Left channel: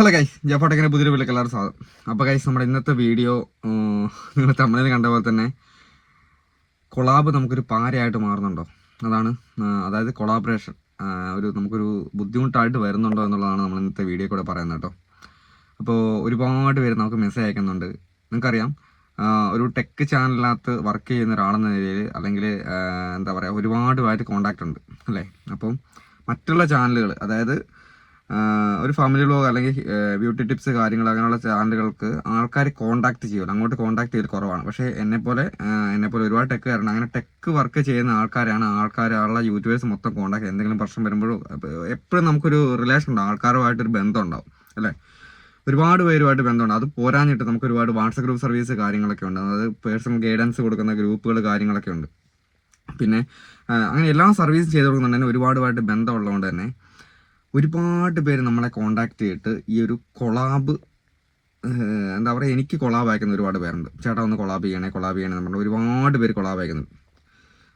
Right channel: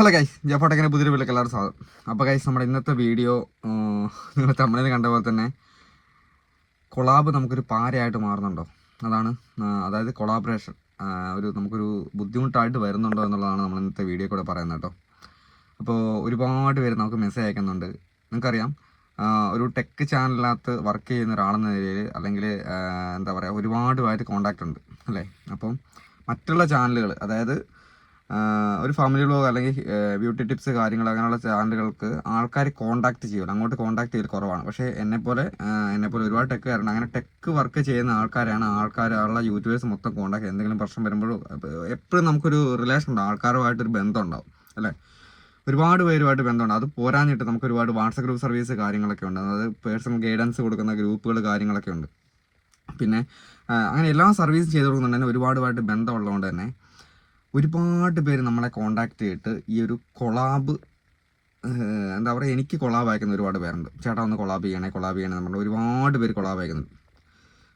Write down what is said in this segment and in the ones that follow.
Hello guys ജപ്പോട്ടക്കിന് പുതിയൊരു വീട്ടിലേക്ക് എല്ലാവരും സ്വാഗതം. അപ്പോൾ ഗൈസ് നമ്മുടെ ഇന്നത്തെ വീഡിയോ നിങ്ങൾ തമിഴിൽ കണ്ട പോലെ തന്നെ കൊളാബ് നമുക്കൊരു പാരയായിട്ട് മാറുന്നുണ്ടോ? അതാണ് അതായത് കൊളാബറേഷൻ ഒരു നമുക്കൊരു ബുദ്ധിമുട്ടായിട്ട് വരുന്നുണ്ടോ എന്നുള്ളതാണ് നമ്മൾ ഇന്നത്തെ വീഡിയോ കൂടെ പറയുന്നത് കേട്ടോ. അപ്പോൾ ഒരുപാട് പേര് നമുക്ക് മെസ്സേജ് അയക്കുന്നുണ്ട്. നിങ്ങൾക്കറിയാം ഒരു ടെക് ചാനലിനകത്ത് വർക്ക് ചെയ്യുന്ന ഒരാളെന്ന നിലയിൽ അല്ലെങ്കിൽ എന്താ പറയുക ഒരുപാട് പേരായിട്ട് കോണ്ടാക്റ്റ് ഉണ്ട് അല്ലേ? അപ്പം മറ്റുള്ള ചാനലുകൾ അതായത് ഒരു ഫാമിലി വ്ലോഗ് അല്ലെങ്കിൽ ബ്യൂട്ടി ടിപ്സ് കാര്യങ്ങൾ അങ്ങനെയുള്ള ചാനലുകൾക്ക് ആൾക്കാർ കോൺടാക്ട് ചെയ്യുമല്ലോ അങ്ങോട്ട് കോൺടാക്ട് ചെയ്യൽ കുറവാണ്. പക്ഷേ എന്നെപ്പോലെ എന്നെപ്പോലെ ഒരുപാട് ടെക്ക് കാരണം അങ്ങനെ ടെക്ക് വർക്ക് ചെയ്യുന്ന ആൾക്കാരാണ് ആൾക്കാർ ആൾക്കാരുള്ള യൂട്യൂബേഴ്സ് മൊത്തം കോൺടാക്ട് എന്തെങ്കിലും പ്രശ്നം വരുമ്പോഴും എപ്പോഴും നമുക്കൊരു റിലേഷൻ ഉണ്ടാവും ആൾക്കാരുമായിട്ടൊരു ബന്ധം ഉണ്ടാവും അല്ലേ? ഒരുപാട് പേരുമായിട്ട് ബന്ധമുണ്ട്. അത് പോരാഞ്ഞിട്ട് നമുക്ക് ഒരുപാട് വാട്സപ്പ് ഗ്രൂപ്പ് സർവീസ് കാര്യങ്ങളൊക്കെ ഉണ്ട്. അതായത് പേഴ്സണൽ ഗൈഡൻസ് കൊടുക്കുന്ന ഗ്രൂപ്പുകൾ കാര്യങ്ങളൊക്കെ ഉണ്ട്. പിന്നെ അങ്ങനെ എല്ലാ സർവീസും ചെയ്ത് കൊടുക്കുന്നുണ്ടെങ്കിൽ ഒരുപാടുമായിട്ട് ബന്ധമുള്ളതുകൊണ്ട് തന്നെ ഒരുപാട് പേര് നമ്മളെ കോണ്ടാക്ട് ചെയ്തിട്ട് ഈ ഒരു കൊളാബ് എന്താ പറയുക എനിക്ക് കൊളാബ് അയക്കുന്ന ഒരുപാട് പേരുണ്ട്. ചേട്ടാ ഒന്ന് കൊളാബ് ചെയ്യണേ കൊളാബ് ചെയ്യണേ എന്ന് ഒരുപാട് പേര് കൊളാബ് അയക്കുന്നുണ്ട്.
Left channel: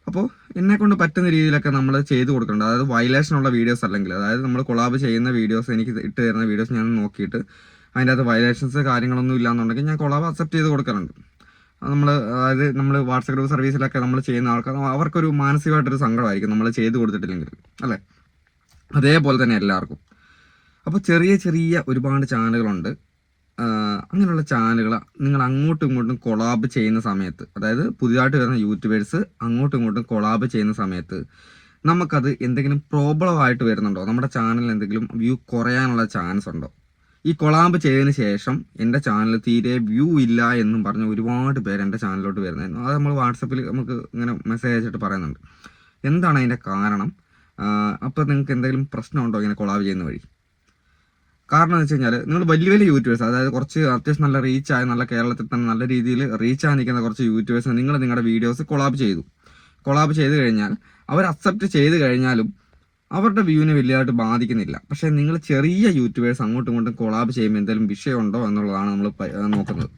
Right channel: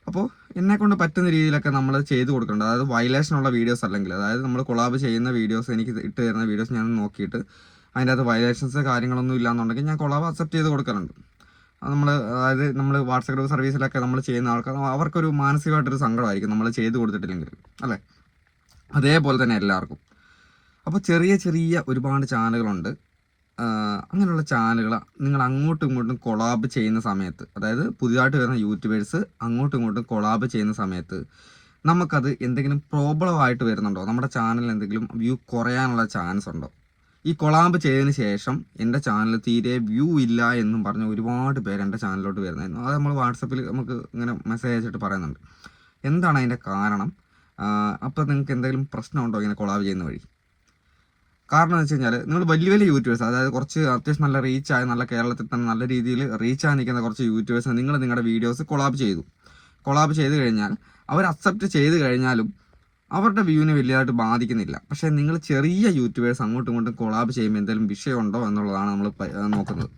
അപ്പോൾ എന്നെ കൊണ്ട് പറ്റുന്ന രീതിയിലൊക്കെ നമ്മൾ ചെയ്ത് കൊടുക്കേണ്ടത് അതായത് വയലേഷൻ ഉള്ള വീഡിയോസ് അല്ലെങ്കിൽ അതായത് നമ്മൾ കൊളാബ് ചെയ്യുന്ന വീഡിയോസ് എനിക്ക് ഇട്ട് തരുന്ന വീഡിയോസ് ഞാൻ നോക്കിയിട്ട് അതിന്റെ അകത്ത് വയലേഷൻസ് കാര്യങ്ങളൊന്നും ഇല്ലാന്നുണ്ടെങ്കിൽ ഞാൻ കൊളാബ് അക്സെപ്റ്റ് ചെയ്ത് കൊടുക്കാറുണ്ട്. നമ്മൾ അതായത് നമ്മൾ വാട്സപ്പ് ഗ്രൂപ്പ് സർവീസിലൊക്കെ നമ്മൾ ചെയ്യുന്ന ആൾക്കാർ അവർക്കൊരു മാനസികമായിട്ടൊരു സങ്കടമായിരിക്കും നമ്മൾ ചെയ്ത് കൊടുത്തിട്ടില്ലെങ്കിൽ അല്ലേ? അതേപോലെ തന്നെ എല്ലാവർക്കും. അപ്പോൾ ചെറിയ ചെറിയ ഒരുപാട് ചാനലുകളുണ്ട്. അങ്ങനെയുള്ള ചാനലുകൾ നിങ്ങൾ അങ്ങോട്ടും ഇങ്ങോട്ടും കൊളാബ് ചെയ്യുന്ന സമയത്ത് അതായത് പുതിയതായിട്ട് വരുന്ന യൂട്യൂബേഴ്സ് അങ്ങോട്ടും ഇങ്ങോട്ടും കൊളാബ് ചെയ്യുന്ന സമയത്ത് നമുക്കത് എന്തെങ്കിലും പ്രോബ്ലം ആയിട്ട് വരുന്നുണ്ടോ? നമ്മുടെ ചാനലിൽ എന്തെങ്കിലും വ്യൂ കുറയാനുള്ള ചാൻസ് ഉണ്ടോ? ഈ കൊളാബ് ചെയ്തതിന് ശേഷം എന്റെ ചാനൽ തീരെ വ്യൂ ഇല്ല എന്നും പറഞ്ഞ് ഒരുപാട് പേര് എന്റെ ചാനലിലോട്ട് വരുന്നതായിരുന്നു. അത് നമ്മൾ വാട്സപ്പിൽ നമുക്ക് ഇങ്ങനെ മെസ്സേജ് അയച്ചിട്ട് പറയുന്നുണ്ട്. എന്താണ് അതിന്റെ കാരണം? അപ്പോൾ നിങ്ങൾക്ക് എന്തെങ്കിലും പ്രശ്നമുണ്ടോ ഇങ്ങനെ കൊളാബ് ചെയ്യുന്ന വഴി? കാരണം എന്ന് വെച്ച് കഴിഞ്ഞാൽ നിങ്ങൾ വലിയ വലിയ യൂട്യൂബേഴ്സ് അതായത് കുറച്ച് അത്യാവശ്യം നല്ല റീച്ച് ആയ നല്ല കേരളത്തിൽ തന്നെ നല്ല രീതിയിൽ റീച്ച് ആയി നിൽക്കുന്ന കുറച്ച് യൂട്യൂബേഴ്സ് നിങ്ങൾ നിങ്ങളുടെ വീഡിയോസ് കൊളാബ് ചെയ്തു. കൊളാബ് ചെയ്ത് കഴിഞ്ഞാൽ അവർ അക്സെപ്റ്റ് ചെയ്ത് കഴിഞ്ഞാലും അവരുടെ വ്യൂവിനെ വലിയതായിട്ട് ബാധിക്കുന്നില്ല. പക്ഷേ നിങ്ങൾ ചെറിയ യൂട്യൂബേഴ്സ് അങ്ങോട്ടും ഇങ്ങോട്ടും കൊളാബ് ചെയ്യുമ്പോൾ എന്തെങ്കിലും വിഷയമുണ്ടോ എന്നുള്ളതാണ് നമ്മൾ നോക്കുന്നത്.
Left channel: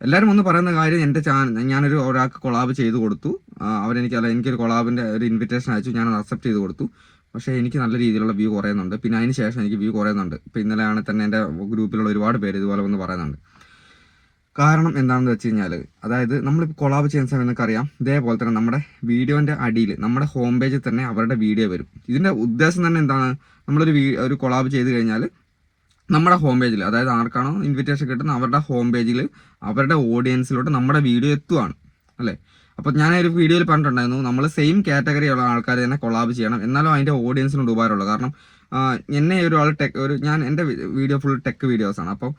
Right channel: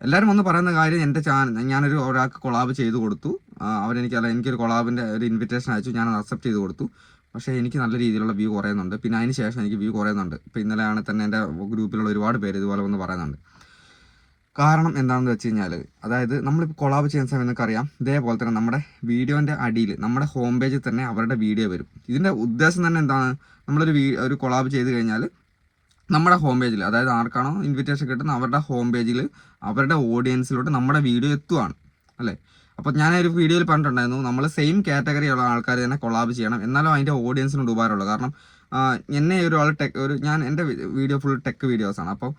എല്ലാവരും ഒന്ന് പറയുന്ന കാര്യം എന്റെ ചാനൽ ഞാനൊരു ഒരാൾക്ക് കൊളാബ് ചെയ്ത് കൊടുത്തു. അവരെനിക്ക് അല്ല എനിക്കൊരു കൊളാബിന്റെ ഒരു ഇൻവിറ്റേഷൻ അയച്ചു. അത് അക്സെപ്റ്റ് ചെയ്ത് കൊടുത്തു. പക്ഷേ എനിക്ക് നല്ല രീതിയിലുള്ള വ്യൂ കുറയുന്നുണ്ട്. പിന്നെ അതിന് ശേഷം എനിക്ക് വ്യൂ കുറയുന്നുണ്ട്. ഇപ്പം ഇന്നലെയാണ് തന്നെ എന്റെ ഗ്രൂപ്പിലുള്ള ഒരുപാട് പേര് ഇതുപോലെ വന്ന് പറയുന്നുണ്ട്. കാരണം എന്താണെന്ന് വെച്ച് കഴിഞ്ഞാൽ അതായത് നമ്മളിപ്പോൾ കൊളാബ് ചെയ്യുന്ന സമയം നിങ്ങൾക്ക് അറിയാം ഇതേപോലെ തന്നെ നമ്മുടെ വീഡിയോന്റെ അടിയിൽ നമ്മുടെ ഹോം പേജിൽ തന്നെ അവരുടെ വീഡിയോ വരും. ഇതിന്റെ ഉദ്ദേശം തന്നെ എന്താണ്? നമ്മളൊരു വീ ഒരു കൊളാബ് ചെയ്ത് കഴിഞ്ഞാൽ നമ്മുടെ ഹോം പേജിൽ അതായത് ആർക്കാണോ ഇൻവിറ്റേഷൻ കിട്ടുന്നത് അവരുടെ ഹോം പേജിൽ അവരുടെ ഓഡിയൻസിലോട്ട് നമ്മുടെ വീഡിയോ എത്തുവാണ്. അല്ലേ? അപ്പോൾ ഒരു വീഡിയോയിൽ പറഞ്ഞിട്ടുണ്ടായിരുന്നു നമ്മൾ സെയിം കാറ്റഗറി ഉള്ള ആൾക്കാർ തന്നെ കൊളാബ് ചെയ്യണം. എന്നാലും അതിന്റെ ഓഡിയൻസിനോട് ഉപകാരമുള്ളൂ. കാരണം എന്നെ ഒരാൾ ടെക് ഒരു ഞാൻ എന്റെ വീഡിയോ ഫുൾ ടെക് വീഡിയോസാണ് അപ്പോൾ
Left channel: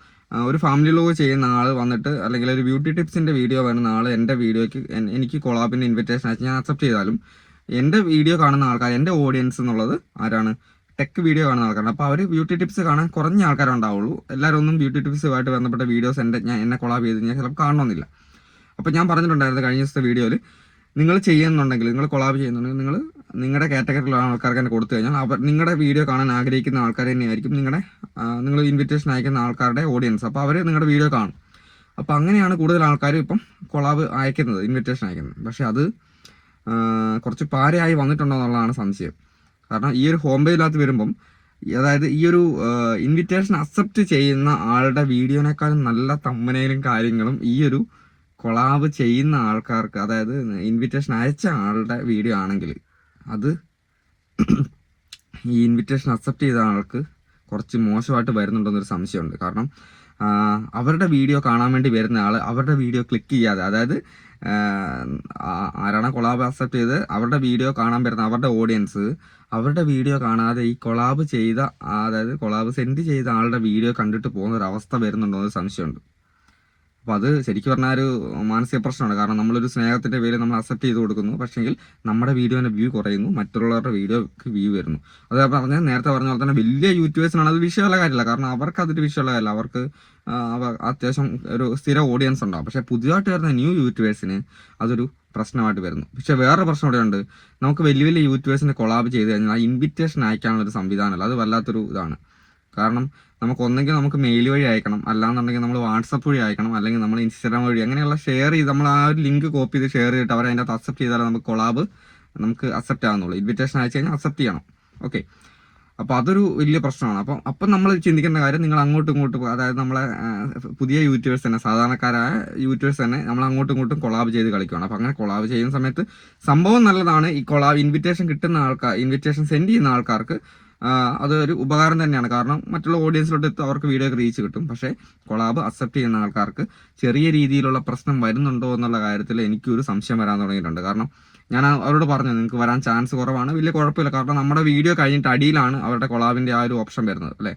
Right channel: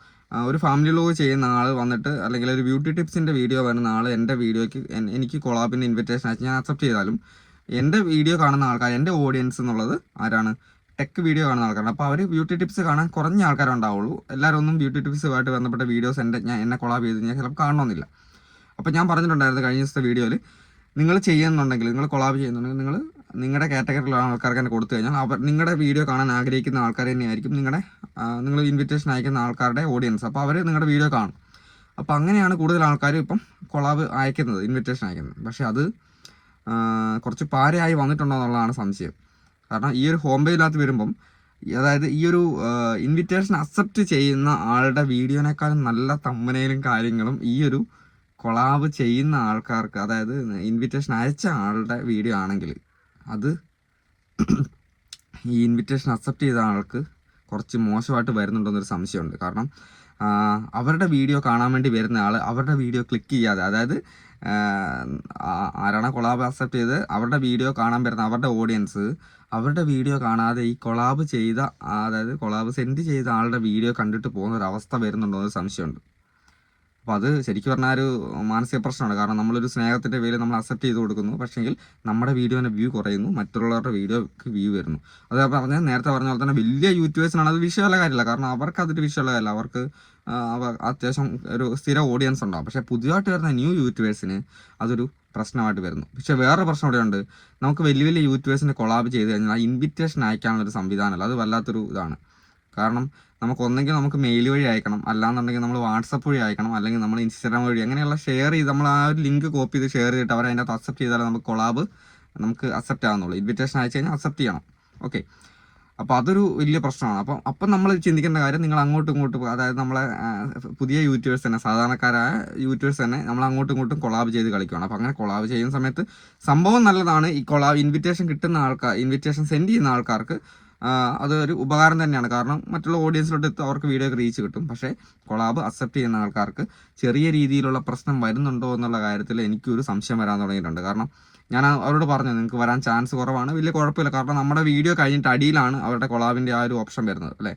ഒരു ഫാമിലി ലോഗ് ചെയ്യുന്ന ആൾ വന്നിട്ട് അല്ലെങ്കിൽ ഒരു ബ്യൂട്ടി ടിപ്സിന്റെ വീഡിയോ വരുന്ന ആൾ എന്റെ വീഡിയോയ്ക്ക് എനിക്ക് കൊളാബിന്റെ ഇൻവിറ്റേഷൻ അയച്ച് ഞാൻ അക്സെപ്റ്റ് ചെയ്താലും എന്റെ വീഡിയോ കാണുന്ന ആൾക്കാർ എന്റെ ഓഡിയൻസ് എന്നുള്ളത് ആരാണ് ടെക് വീഡിയോ കാണുന്ന ആൾക്കാരാണ്. അപ്പോൾ അവർ ബ്യൂട്ടി ടിപ്സ് കാണാൻ കുറഞ്ഞ ആൾക്കാരുണ്ടാവുള്ളൂ എല്ലാവരും ഒന്നും ബ്യൂട്ടി ടിപ്സുമായിട്ട് ബന്ധപ്പെട്ട വീഡിയോസ് എന്റെ ഞാൻ എന്നെ കൊളാബ് ചെയ്ത് കഴിഞ്ഞാൽ ചിലപ്പോൾ കാണണമെന്നില്ല. അപ്പോൾ ഞാൻ പറഞ്ഞിട്ടുണ്ടായിരുന്നു കഴിഞ്ഞ ദിവസത്തെ വീഡിയോയിൽ നിങ്ങൾ ചെയ്യുന്നുണ്ടെങ്കിൽ നിങ്ങൾ കൊളാബ് ചെയ്യുന്നുണ്ടെങ്കിൽ നിങ്ങൾ നിങ്ങളുടെ കാറ്റഗറിയിലുള്ള ആൾക്കാർക്ക് തന്നെ കൊടുത്തു കഴിഞ്ഞാൽ അവർ നിങ്ങളുടെ വീഡിയോ കാണാൻ ആഗ്രഹിക്കുന്ന ആൾക്കാർ തന്നെയായിരിക്കും നിങ്ങളുടെ നിങ്ങൾ ഇൻവിറ്റേഷൻ അയക്കുന്ന ആൾക്കാരുടെ ഓഡിയൻസ് അപ്പോൾ അവർ നിങ്ങളുടെ വീഡിയോ കാണും. അപ്പോൾ അങ്ങനെയാണ് കൂടുതൽ ആൾക്കാരും ഇപ്പം കൊളാബ് അയക്കുന്നത് ഇൻവിറ്റേഷൻ അയക്കുന്നത്. പക്ഷേ അത് കുറച്ച് പാരയായി വന്നിട്ടുണ്ടോ എന്നുള്ളതാണ് സംശയം. കാരണം ഈ ഒരു ഹോം പേജിനകത്ത് വരുമ്പം അതായത് ഈ ഒരു ഇൻവിറ്റേഷൻ അക്സെപ്റ്റ് ചെയ്യുന്ന ആളുടെ വീഡിയോനേക്കാളും നല്ല തമ്മനയിലും കാര്യങ്ങളും ഈ ഒരു കൊളാബ് ചെയ്യുന്ന ആൾക്കാർക്ക് അതായത് ഇൻവിറ്റേഷൻ അയച്ച ആളുടെ വീഡിയോ ആണെങ്കിൽ അത് ഈ ഇൻവിറ്റേഷൻ അക്സെപ്റ്റ് ചെയ്ത ആൾക്ക് കുറച്ച് മോശമായിട്ട് വരുന്നുണ്ടെന്നൊരു സംശയമുണ്ട്. കാരണം അവരുടെ വീഡിയോ കാണാൻ വേണ്ടി വരുന്ന ആൾ അവരുടെ വീഡിയോ ക്ലിക്ക് ചെയ്യാതെ അതായത് ആരാണ് കൊളാബ് അക്സെപ്റ്റ് ചെയ്ത് അവരുടെ വീഡിയോ കാണാൻ വരുന്ന അവരുടെ ഓഡിയൻസ് അവരുടെ വീഡിയോ കാണാതെ ഈ കൊളാബ് ചെയ്ത അതായത് കൊളാബ് സെൻഡ് ചെയ്ത ആളുടെ വീഡിയോ കണ്ടിട്ട് പോകുന്ന ഒരു അവസ്ഥ വരുന്നുണ്ടോ എന്നൊരു സംശയമുണ്ട്. അപ്പോൾ അത് ശരിക്കും പറഞ്ഞാൽ ഒരു മാനസിക പ്രശ്നമാണ്. കാരണം നമ്മളൊരു സ്നേഹത്തിന്റെ പേര് നമ്മൾ അക്സെപ്റ്റ് ചെയ്ത് കൊടുക്കുന്നു. പക്ഷേങ്കിൽ നമ്മുടെ വീഡിയോന്റെ വ്യൂ കുറയുന്നു. മറ്റുള്ളവരുടെ വീഡിയോക്ക് വ്യൂ വരുന്നു. അത് പറഞ്ഞ നേരത്തെ പറഞ്ഞ പോലെ തന്നെ വലിയ യൂട്യൂബേഴ്സിനാണ് അത് വിഷയമുള്ള കാര്യമില്ല. കാരണം അവർക്ക് അതൊരു വിഷയമുള്ള കാര്യമില്ല. അവർക്ക് അത്യാവശ്യം ഒരു സ്ഥിര ഓഡിയൻസ് ഉണ്ടാവും. പക്ഷേ പുതിയതായിട്ട് വരുന്ന ന്യൂ യൂട്യൂബേഴ്സിന് അതൊരു പ്രശ്നമായിട്ട് വരുന്നു. പക്ഷേ വേറെ പ്രശ്നം ഇവിടെ ഉണ്ട് നമുക്ക് വലിയ വലിയ യൂട്യൂബേഴ്സിനെ കൊളാബ് ചെയ്ത് കഴിഞ്ഞാൽ ഇൻവിറ്റേഷൻ അയക്കാനുള്ള ഒരു സംവിധാനമല്ല. അത് വല്ലാത്തൊരു ഇതാണ്. കാരണം നമുക്ക് ഒന്നെങ്കിൽ നമുക്ക് മെയിൽ വഴി അയക്കണം. അല്ലാന്നുണ്ടെങ്കിൽ നമ്മൾ വാട്സപ്പ് വഴി അയക്കണം. അല്ലെങ്കിൽ നമ്മൾ ഇൻസ്റ്റാഗ്രാം വഴി അങ്ങനെയുള്ള ഷെയർ ചെയ്ത് നമ്മൾ ആ ഒരു ലിങ്ക് കോപ്പി ചെയ്ത് ഷെയർ ചെയ്തിട്ട് അവർ അതിനകത്ത് അക്സെപ്റ്റ് ചെയ്താലേ നമുക്ക് കൊളാബ് നമുക്ക് അക്സെപ്റ്റ് ആവുന്നുള്ളൂ. ഇൻവിറ്റേഷൻ അയച്ചു കഴിഞ്ഞാൽ അക്സെപ്റ്റ് ചെയ്യണം. ഓക്കെ അപ്പോൾ അതൊരു വലിയ പ്രശ്നമാണ്. അപ്പം അപ്പം നമ്മൾ ചിന്തിക്കേണ്ട കാര്യം നിങ്ങൾ അങ്ങോട്ടും ഇങ്ങോട്ടും അതായത് നമ്മളെ പുതിയ യൂട്യൂബേഴ്സ് തന്നെ സാധാരണക്കാരായ യൂട്യൂബേഴ്സ് തന്നെ നമ്മൾ അങ്ങോട്ടും ഇങ്ങോട്ടും കൊളാബ് ചെയ്ത് കളിക്കുകയാണ് അപ്പം അങ്ങനെ കൊളാബ് ചെയ്യുന്ന സമയത്ത് സംഭവം നല്ലതാണ് ഈ കൊളാബ് ഇൻവിറ്റേഷൻ കിട്ടുന്ന ആൾക്കാർ ഇൻവിറ്റേഷൻ സെൻഡ് ചെയ്യുന്ന ആൾക്കാർക്ക് അതൊരു ഉപകാരം തന്നെയാണ്. കാരണം മറ്റുള്ള ഓഡിയൻസിലോട്ട് എത്തി അവർക്ക് വീഡിയോ റീച്ച് കിട്ടും. പക്ഷേ കൊളാബ് അക്സെപ്റ്റ് ചെയ്യുന്ന ആൾക്കാർക്ക് ചെറിയ രീതിയിലുള്ള പ്രശ്നം വരുന്നുണ്ടോ എന്നുള്ള കാര്യത്തിൽ എനിക്കൊരു സംശയം വരാൻ തുടങ്ങിയിട്ടുണ്ട്. കാരണം ഞാൻ അവരോട് പറഞ്ഞു നിങ്ങൾക്ക് വരാൻ ചാൻസ് കുറവാണ്. വലിയ കുഴപ്പമില്ല. കാരണം നമ്മുടെ വീഡിയോ കഴിഞ്ഞിട്ട് അടിയിലാണ് അവരുടെ കൊളാബിന്റെ ആ ഒരു ഓപ്ഷൻ വരുന്നത് അല്ലേ?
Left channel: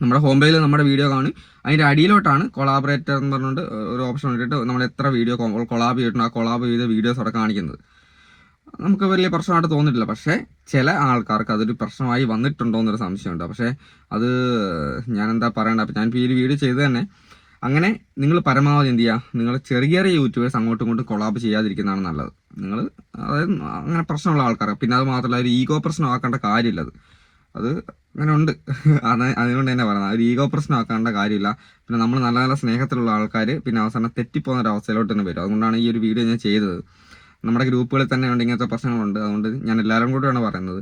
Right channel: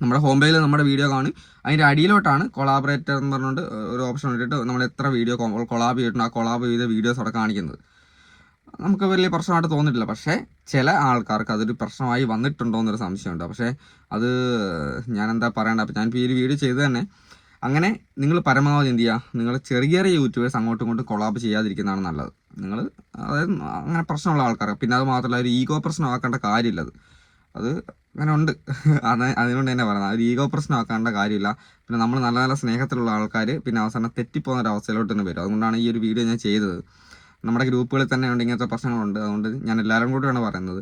നമ്മുടെ ഹോം പേജിൽ നമ്മുടെ വീഡിയോ കാണും. അതിന്റെ അടിയിലോട്ടാണ് കൊളാബറേറ്റർ എന്ന് പറഞ്ഞുകൊണ്ട് ഒരു ഓപ്ഷൻ ഇട്ടിട്ട് നമ്മൾ എത്ര വീഡിയോ കൊളാബ് ചെയ്തിട്ടുണ്ട് ആ കൊളാബ് ചെയ്ത വീഡിയോസ് അവിടെ കാണിക്കുന്നത്. നമുക്ക് വലിയ പ്രശ്നമായിട്ട് തോന്നിയിട്ടില്ല. പക്ഷേ ചില ആൾക്കാർക്ക് അതൊരു പ്രശ്നമായി വന്നിട്ടുണ്ടോ എന്നൊരു സംശയമുണ്ട്. പക്ഷേ അത് ഞാൻ എന്താ പറയണ്ട? അപ്പം ഞാൻ ഈ ഒരു വീഡിയോ ചെയ്ത് തന്നെ അങ്ങനെ നിങ്ങൾ പരമാവധി എന്ത് ചെയ്യുക? നിങ്ങൾ ചെറിയ ചെറിയ യൂട്യൂബേഴ്സ് അങ്ങോട്ടും ഇങ്ങോട്ടും കൊളാബ് ചെയ്യാതിരിക്കുന്നതാണ് നല്ലത്. നിങ്ങൾ അതായത് അങ്ങനെ പ്രശ്നമുള്ള ആൾക്കാർ പിന്നെ അത് മാത്രമല്ല ഒരു ഈഗോ പ്രശ്നമാക്കേണ്ട കാര്യമില്ല അത്. അത് അങ്ങനെ ഉണ്ട്. അത് അതുകൊണ്ട് തന്നെ പറയുന്നത് ഒരു ഈഗോ പ്രശ്നമാക്കേണ്ട കാര്യമില്ല. പിന്നെ നമ്മൾ നല്ല നല്ല സ്നേഹത്തിലുള്ള ആൾക്കാർ പിന്നെ അവസാനം തെറ്റിപ്പോകുന്ന ഒരു അവസ്ഥയിലോട്ട് തന്നെ വരും. അതുകൊണ്ടാണ് ഈ ഒരു വീഡിയോ ഞാൻ ചെയ്തത്. നമ്മുടെ ഗ്രൂപ്പുകളിൽ തന്നെ ഉണ്ട് ഇങ്ങനത്തെ പ്രശ്നങ്ങളുണ്ട്. അതുകൊണ്ട് ഞാൻ എല്ലാവരും കൂടെയാണ് പറയുന്നത്.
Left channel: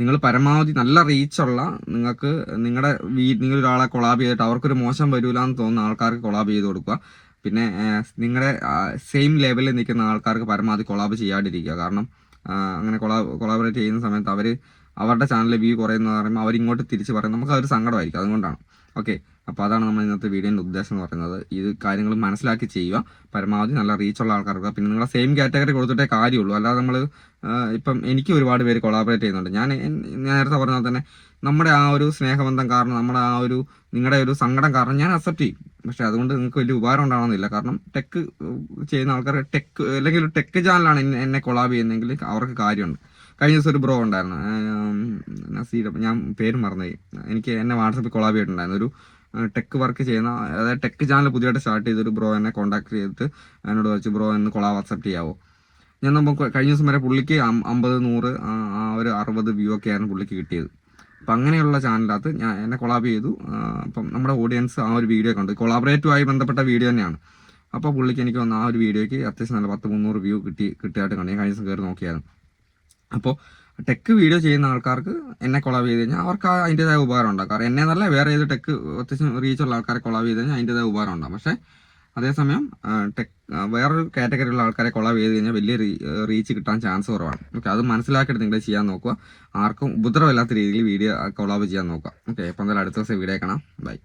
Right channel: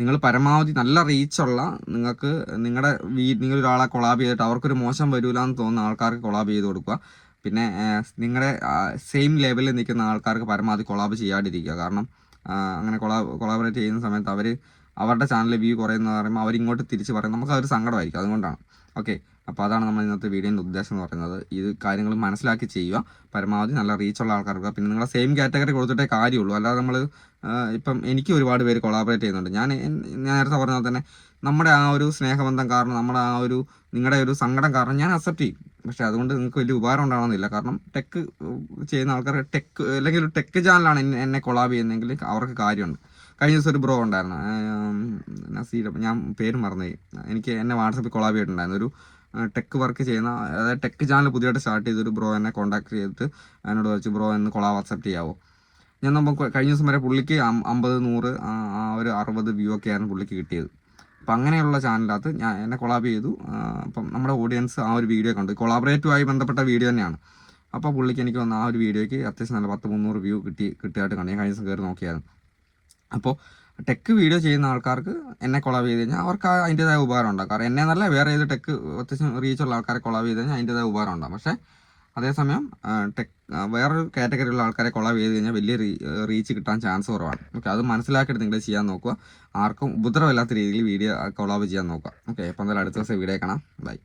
നിങ്ങൾ പരമാവധി നല്ല റീച്ചുള്ള നിങ്ങൾക്ക് നിങ്ങളുടെ വീ നിങ്ങൾ ഒരാളെ കൊളാബ് ചെയ്തിട്ട് അവർക്കൊരു മോശം വരില്ല എന്ന് തോന്നുന്ന ആൾക്കാർക്ക് കൊളാബ് ചെയ്ത് കൊടുക്കുക. പിന്നെ നിങ്ങളുടെ സെയിം ലെവലിൽ നിൽക്കുന്ന ആൾക്കാർക്ക് പരമാവധി കൊളാബ് ചെയ്യാണ്ടിരിക്കുക. കാരണം അങ്ങനെ കൊളാ കൊളാബറേറ്റ് ചെയ്യുന്ന സമയത്ത് അവർ അവരുടെ ചാനലിൽ വ്യൂ കുറയുന്ന പറയുമ്പോൾ അവരിങ്ങോട്ട് തിരിച്ച് പറയും നമുക്ക് അതൊരു സങ്കടമായിരിക്കും. അതുകൊണ്ടാണ്. ഓക്കെ അപ്പോൾ അതാണ് നമ്മൾ ഇന്നത്തെ വീഡിയോന്റെ ഉദ്ദേശം എന്ന് പറയുന്നത്. ഇത് കാര്യങ്ങൾ മനസ്സിലാക്കി ചെയ്യുക. പരമാവധി നല്ല റീച്ചുള്ള ആൾക്കാർക്ക് പിന്നെ നിങ്ങളെ സെയിം കാറ്റഗറി കൊടുത്തിട്ടേ കാര്യമുള്ളൂ. അല്ലാതെ നമ്മൾ ഇപ്പം എനിക്ക് ഒരുപാട് പേര് കൊളാബറേറ്റ് ചെയ്യുന്നുണ്ട്. ഞാൻ നേരത്തെ പറഞ്ഞാൽ തന്നെ നമ്മുടെ ആ ഒരു സ്നേഹബന്ധം കാരണം നമ്മുടെ ആ ഒരു നിങ്ങളുടെ ഒരു സങ്കടം കാരണം ഞാൻ അക്സെപ്റ്റ് ചെയ്യും. പക്ഷെ അതുകൊണ്ട് നിങ്ങൾക്ക് വലിയ ഉപകാരം ഉണ്ടാവണമെന്നില്ല കാരണം ടെക്ക് ചെയ്യുന്ന ആൾക്കാർ ടെക്ക് അല്ലെങ്കിൽ ഒരു ടെക്ക് ചാനലാണ് എന്നെ കൊളാബ് ചെയ്യുന്നതെങ്കിൽ അവർക്ക് കാര്യമുണ്ട്. കഴിഞ്ഞ ദിവസം ഒരു ബ്രോ ഉണ്ടായിരുന്നു. നസീർ ഞാൻ പേര് മറന്നുപോയി. എനിക്ക് എന്നെ വാട്സപ്പിൽ കൊളാബ് ചെയ്തിട്ടുണ്ടായിരുന്നു. ഒരു ടെക് വർക്ക് ചെയ്യുന്ന അതായത് ടെക് ചാനൽ പുതിയതായിട്ട് സ്റ്റാർട്ട് ചെയ്തൊരു ബ്രോ എന്നെ കോൺടാക്ട് ചെയ്തിട്ട് എന്നോട് വെച്ച് ബ്രോ എന്ന് കൊളാബ് അക്സെപ്റ്റ് ചെയ്യാവോ? ഞാൻ നമ്മൾ കഴിഞ്ഞ ദിവസം വരെ പുള്ളിക്ക് അമ്പത് നൂറ് ആ ഒരു അറുപത് വ്യൂ ഒക്കെ ആയിരുന്നു പുള്ളിക്ക് കിട്ടിയത്. അപ്പം അങ്ങനെയുള്ള ചാനലിനകത്ത് ഞാൻ എന്നെ കൊളാബ് ചെയ്തു. അപ്പം നമ്മുടെ ഓഡിയൻസ് ആ ഒരു വീഡിയോ കണ്ടു. കൊളാബറേറ്റുമായി ബന്ധപ്പെട്ട വീഡിയോ തന്നെയാണ്. അപ്പോൾ പുള്ളിക്ക് എനിക്ക് വന്ന ആ ഒരു വീഡിയോയ്ക്ക് അത്യാവശ്യം നല്ല പത്ത് മുന്നൂറ് വ്യൂ കിട്ടി കിട്ടിയായിട്ട് കണ്ടു. ഞാൻ കഴിഞ്ഞ ദിവസം കയറി നോക്കിയായിരുന്നു. അപ്പോൾ ടെക്ക് വീഡിയോ ചെയ്യുന്ന ആൾക്കാർക്ക് എന്നെ കൊളാബ് ചെയ്ത് കഴിഞ്ഞാൽ അവർക്ക് അതിന്റെതായ ഉപകാരം ഉണ്ടാകും. കാരണം എന്നെ നല്ല വേറെ ഏത് ടെക്ക് അത്യാവശ്യം റീച്ചുള്ള ആൾക്കാരെ കൊളാബ് ചെയ്ത് കഴിഞ്ഞാൽ അതിന്റെതായ ഉപകാരം ഉണ്ടാകും. പക്ഷേ അതേസമയം ടെക് വേറൊരു കാറ്റഗറിയുള്ള ആൾക്കാരെ കൊളാബ് ചെയ്ത് കഴിഞ്ഞാൽ വലിയ റീച്ച് കിട്ടാൻ ചാൻസ് കുറവാണ്. ഓക്കെ അത് മനസ്സിലാക്കിയിട്ട് നിങ്ങൾ ചെയ്യാൻ നോക്കുക. ആർക്കും ഉപദ്രവമില്ലാത്ത രീതിയിൽ വീഡിയോ കൊളാബ് ചെയ്യാൻ നോക്കുക. ഓക്കെ അപ്പോൾ എന്തായാലും അടുത്ത ദിവസം വീഡിയോ കാണാം. ബൈ